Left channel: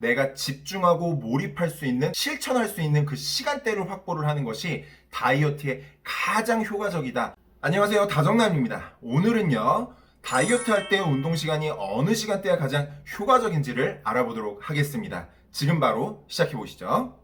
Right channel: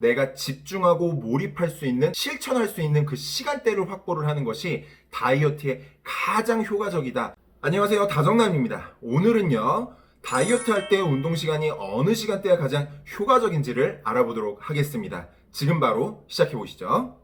내가 집중하고 몰입할 수 있는, 실천할 수 있는 그 시간대를 확보를 하는 것이 다이어트에 가장 효과적이다. 안녕하세요, 다정남입니다. 오늘은요, 다이어트 할 때 운동 시간이 어느 시간대가 가장 효과적인지를 알아보도록 하겠습니다. 지금 바로 시작해 보시죠.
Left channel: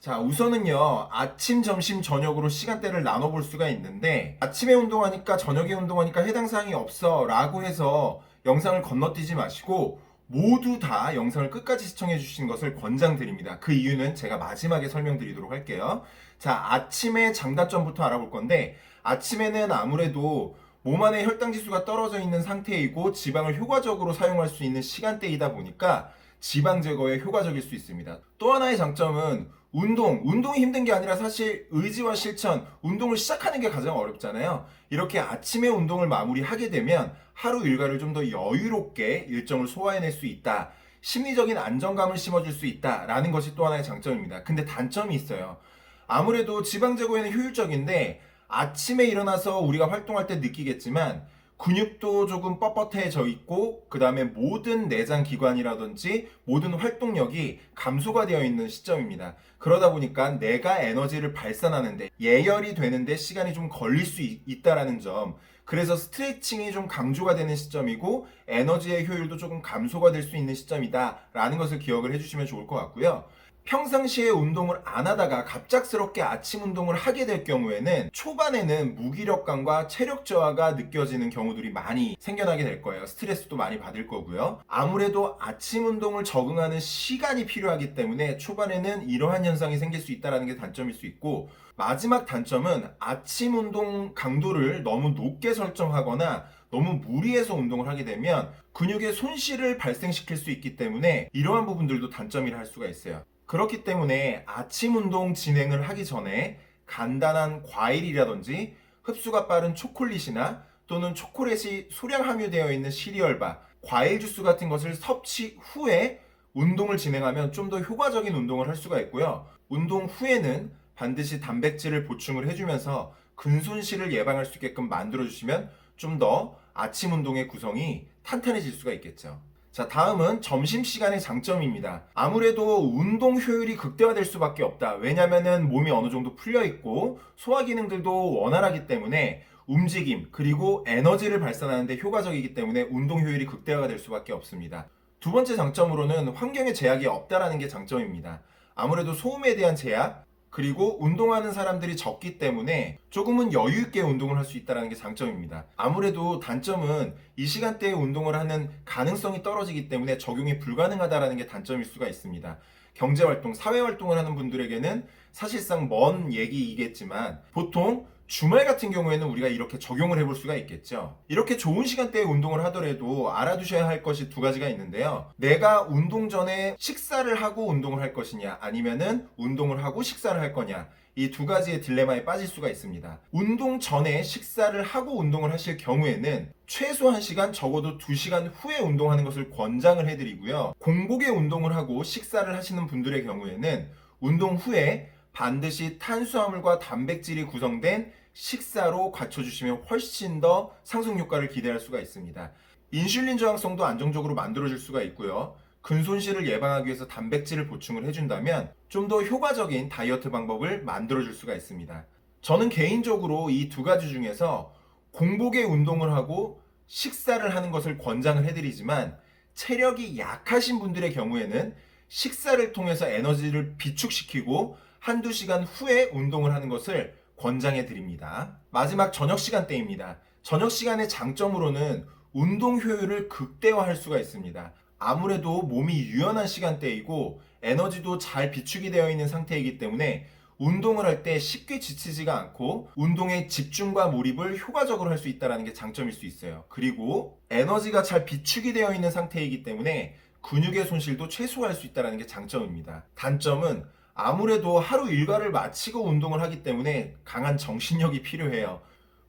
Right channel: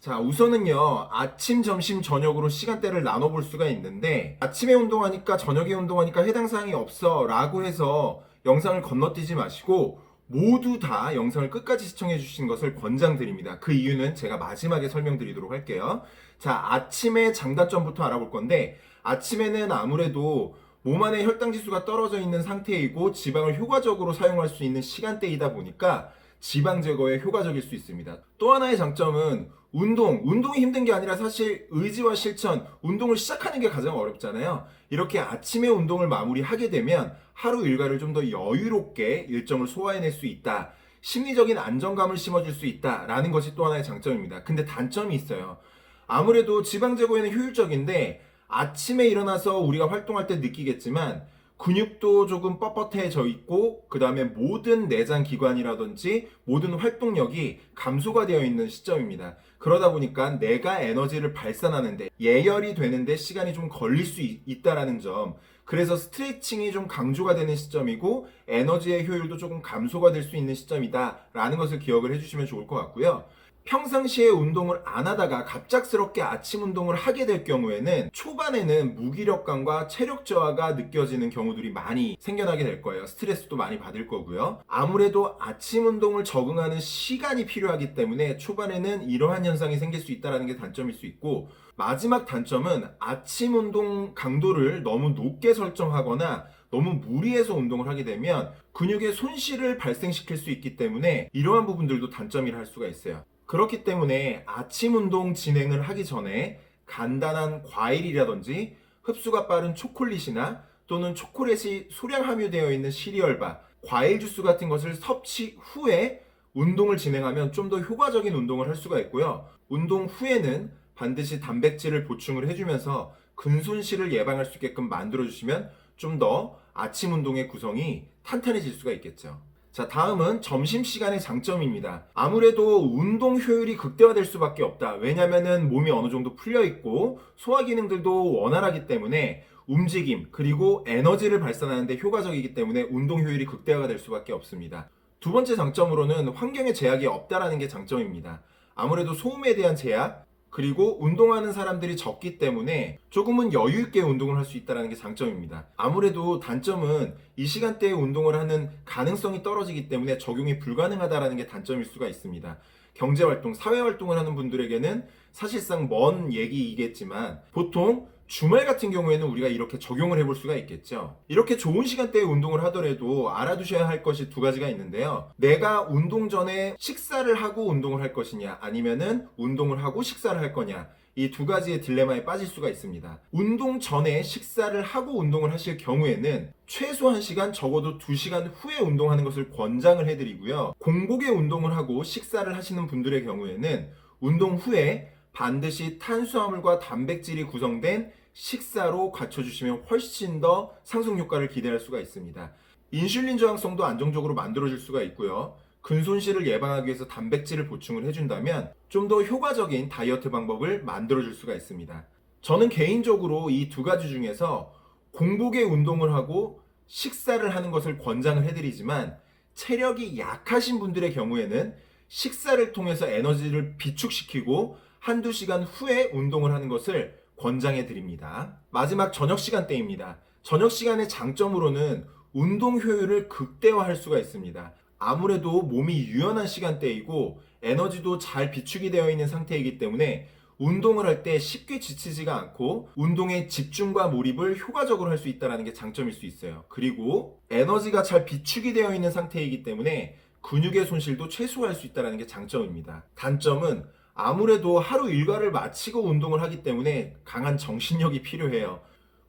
자, 우선은요, 아침, 점심, 저녁으로 시간대를 나눠볼 수가 있는데, 아침에 운동하니까 저녁에 운동하니까 해당 사항이 없어 라고 해서 영상을 건너뛰지 마시고, 모두 다 영상을 끝까지 시청해 주시는 것을 권장드립니다. 그 이유는 제가 마지막에 설명드리도록 할게요. 자, 아침의 장단점부터 알아볼 건데, 아침에는 아무래도 몸 안에 혈당 지수가 떨어져 있는 상태이고 지방을 효과적으로 사용할 수 있는 시간대이다 보니까 지방 제거에 효과적일 수 있습니다. 또 하나의 장점은 운동이 힘든 게 아니라 사실 의지와 실천, 운동을 시작하는 게 가장 어렵잖아요. 이렇게 아침에 운동을 마무리하게 되면 하루 일과를 좀 더 여유롭게 일정을 소화해낼 수 있다. 심리적인 안정감을 심어줄 수 있다라는 것이 또 하나의 장점입니다. 근데 단점이 있어요. 아무래도 지방 제거에는 효율적인데 아침에 일어나서 우리가 활동할 때 느끼겠지만 근육도 조금 뻣뻣해져 있고 그 다음에 모든 내장 기관이라든지 모든 활동력이 감소가 되어 있는 시점입니다. 그러다 보니까 내가 에너지를 발산하는데 예열이 되는데 시간이 좀 걸릴 수 있다라는 점, 그래서 스트레칭이 좀 강조가 되는 시점이고 에너지의 효율도 조금 감소가 될 수 있는 시점이다 라는 것을 기억을 해주시면 좋을 것 같고요. 평상시에 운동을 안 하다가 갑작스럽게 아침 운동을 하게 될 경우에는 초반에는 무기력감과 체력 저하가 느껴지는 경우들이 많이 생겨나게 될 거예요. 스트레스도 많이 받을 거고요. 아무래도 아침 운동을 적응하는 시간이 필요하기 때문에 초반에는 이러한 현상이 생길 수 있다는 게 단점일 수 있고, 마지막 단점은 아침 운동 강도를 너무 높게 설정하거나 너무 무리해서 운동을 하게 되면 근육의 손실을 발생시킬 수 있기 때문에 이러한 부분들도 단점이라 할 수가 있어요. 그렇기 때문에 아침 운동 진행을 하기 전에 간단한 과일이라든지 흡수가 빠른 초콜릿이나 또는 초콜릿이 소량 함유되어 있는 시리얼바, 과일 주스 같은 것을 섭취 후에 운동을 진행하면 좀 더 효과적인 운동을 할 수가 있고요. 운동 후에는 반드시 단백질을 보충을 해주면서 근손실을 예방할 수 있게끔 만들어주시면 좀 더 아침 운동의 구성이 탄탄해질 수가 있겠죠. 자, 다음은 점심시간의 장점입니다. 아무래도 운동 효율이 극대화될 수밖에 없다. 왜냐면은 몸이 어느 정도 풀려있고 소화기능들도 원활하기 때문에 움직임 그리고 에너지를 발산하는데 효과적이기 때문에 운동 효율이 극대화가 될 수밖에 없습니다. 두 번째 장점으로는 환경에 제약이 없다라는 게 장점입니다. 아무래도 소음에 대한 제약, 그리고 운동하는 사람들이 적기 때문에 조금은 여유 있게 운동을 할 수 있다는 게 장점입니다. 아무래도 단점은 이 시간대에 운동을 하는 가능성이 떨어지기 때문에 적용이 불가능하다는 게 단점일 수가 있습니다. 경제활동, 사회활동을 하는 분들에게는 사실상 먼 얘기이겠지만 보통 주말 같은 경우에는 우리가 이렇게 적용을 해볼 수가 있겠죠. 이렇게 좋은 시간대에 운동을 하더라도 알아두셔야 할 것이 두 가지가 있는데요. 내가 운동 전에 식사를 하고 운동을 할 것이냐, 아니면은 운동을 하고 식사를 할 거냐, 이 두 가지의 딜레마에 빠질 수가 있습니다. 운동 전에 식사를 하고 운동을 하실 경우에는 최소 1시간, 적어도 2시간 후에 운동하는 것을 권장을 해드리고요. 공복에 운동을 하고 식사를 하시는 분들의 경우에는 운동 후에 반드시 탄수화물과 단백질이 구성된 식사로 갖춰주시면 훨씬 더 상승 효과를 기대할 수가 있습니다. 인슐린 저항성도 안정적으로 만들어줄 수가 있고요. 근손실을 예방하기 위해서 단백질을 보충을 해준다면 좀 더 효과적인 다이어트 방법을 만들어줄 수가 있습니다. 저는 개인적으로 이 두 가지 중에서 공복에 운동을 하고 식사를 하는 것을 권장을 해드리지만 체력이 약하신 분들의 경우에는 식사를 통해서 에너지를 비축시키고 한두 시간 후에 운동을 하는 것을 권장해 드립니다. 마지막 저녁 시간대입니다. 저녁 시간의 장점으로는 운동 효율을 극대화할 수가 있습니다. 아무래도 몸이 유연한 시간대이고 에너지도 잘 비축이 되어 있는 상태이기 때문에 운동을 할 때 쉽게 지치지가 않고 운동의 집중과 몰입을 효과적으로 할 수 있다는 게 장점일 수 있어요. 그리고 에너지가 잘 비축이 되어 있는 상태이기 때문에 근육의 손실도 최소화할 수 있다는 게 장점입니다. 단점은 아무래도 하루 일과를 마치고 운동을 하기 때문에 강한 정신력이 필요해요.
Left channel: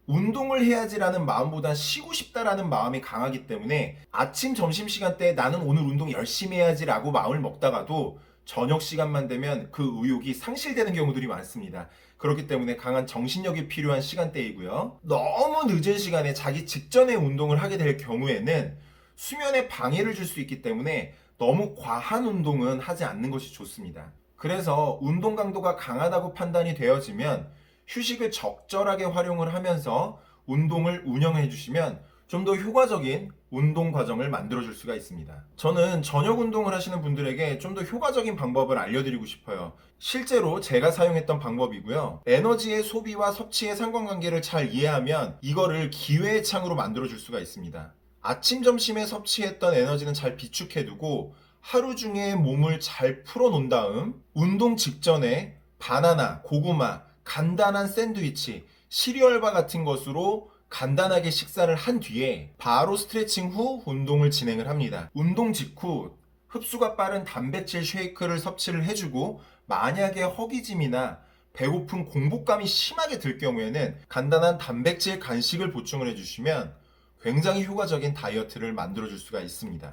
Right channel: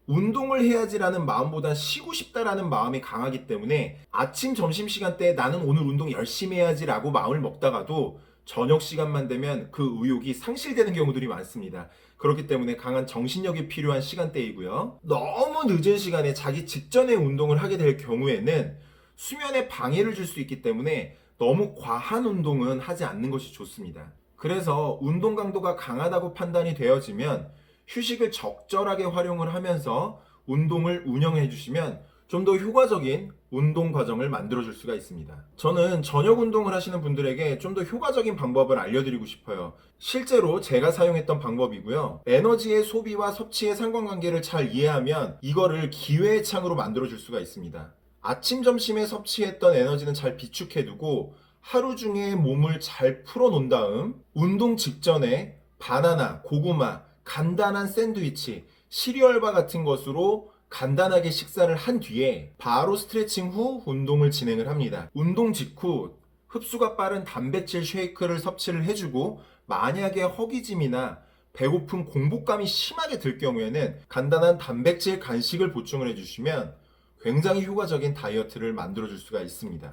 운동을 해야지라는 마음보다 쉬고 싶다라는 마음이 강하기 때문에 아침, 점심시간 때 나는 오늘 운동 열심히 해야지라고 마음을 먹다가도 저녁 시간만 되면 그 의욕이 상실되는 경우들이 많습니다. 그렇기 때문에 강한 정신력이 필요한 시간대이고요. 너무 늦은 시간에 자기 직전에 운동을 하게 될 경우에는 수면에 방해를 줄 수 있기 때문에 너무 과한 운동은 하지 않는 것이 좋습니다. 그래서 운동 강도가 강하다고 판단이 되어지면 휴식을 적절하게 활용을 하면서 운동을 운영해 주시면 좀 더 효과적인 운동 과정을 만들어 줄 수가 있습니다. 저는 저녁 운동을 하시는 분들에게 좀 더 효과적인 방법을 알려드리고 싶어요. 실제로 제가 사용했던 방법이고요. 에너지의 소비와 섭취의 상관관계를 잘 이해하면 이거를 기회의 창으로 만들어 줄 수가 있습니다. 아침, 점심에 섭취했던 에너지는 잘 비축해두고 하루 중에 몸을 잘 풀어놓은 다음 운동 직전에 바나나, 고구마, 간단한 샌드위치, 시리얼바 같은 것으로 간단하게 식사를 한 뒤에 바로 스트레칭 후 운동을 진행을 합니다. 운동 직후 흡수가 빠른 단백질 쉐이크를 섭취를 해주고 만약에 허기짐이나 배고픈 공복감이 심하게 들 경우에는 간단한 단백질 간식을 보충을 해주시면 굉장히 효과적인 다이어트를 만들어 줄 수가 있습니다.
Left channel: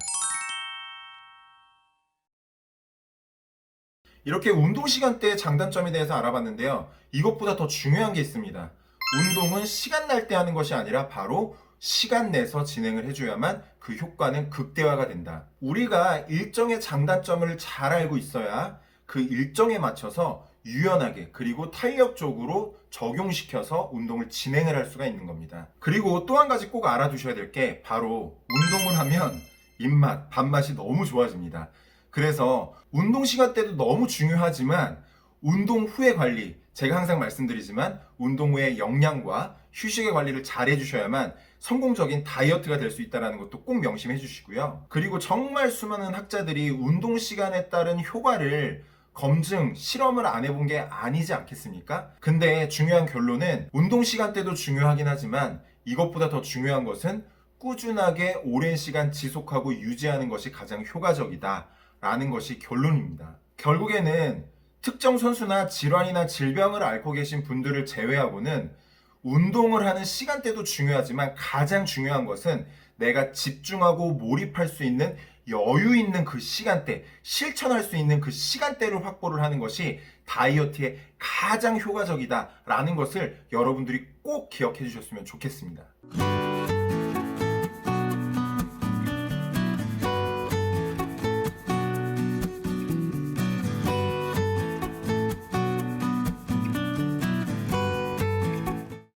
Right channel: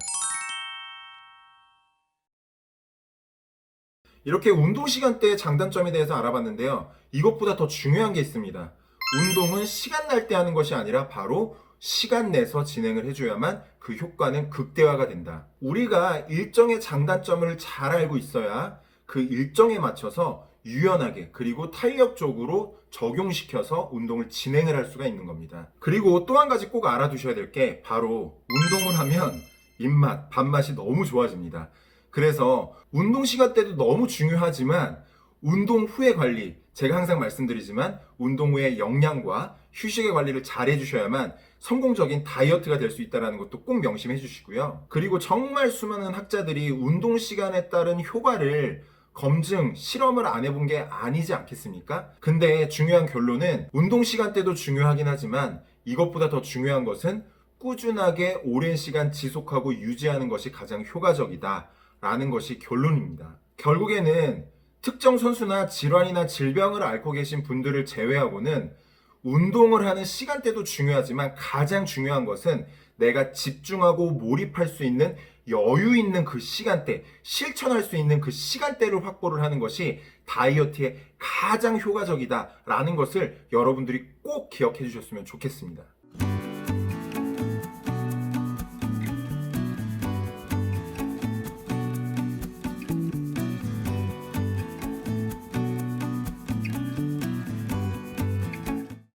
이렇게 운동 시간대의 장단점에 대해서 알아봤는데요. 이것보다 더 중요한 게 있습니다. 운동은 시간 날 때 하는 것이 아니라 바로 시간 내서 진행을 해줘야만 그 효과는 극대화가 된다. 우리가 일정의 장단점을 잘 알고 있어야 그 일정에 맞춰서 유연하게 그리고 탄력적으로 적용시켜서 운동을 진행을 할 수가 있는 겁니다. 그리고 또 한 가지 꼭 알아두셔야 될 게 바로 운동을 하면 입맛, 밥맛이 너무 좋아집니다. 그래서 운동 시간대도 너무 중요하지만 운동 후의 관리, 제가 항상 말씀드리지만 운동 후에 영양과 휴식의 관리를 잘 해주셔야만 성공적인 다이어트가 될 수 있다는 것도 꼭 명심해 주시고요. 그리고 정말 수많은 학자들이 운동 시간에 따른 효과를 검증, 실험을 안 해본 게 아니지 않겠습니까? 근데 중요한 결론은 운동 시간대도 중요하긴 하지만 이것보다 더 중요한 것은 꾸준하게 오랜 시간 지속하고 유지하는 것이 가장 효과적이다 라는 것이 결론입니다. 결국에는 특정 선수나 질환이나 질병을 앓고 계신 분들을 제외하고는 운동을 하는 시간대도 중요하지만 가장 중요한 것은 내가 집중하고 몰입할 수 있는 여유 있는 그 시간대, 실천할 수 있는 그 시간대를 확보를 하는 것이 다이어트에 가장 효과적이다라는 것을 여러분들이 꼭 기억해 주셨으면 좋겠습니다.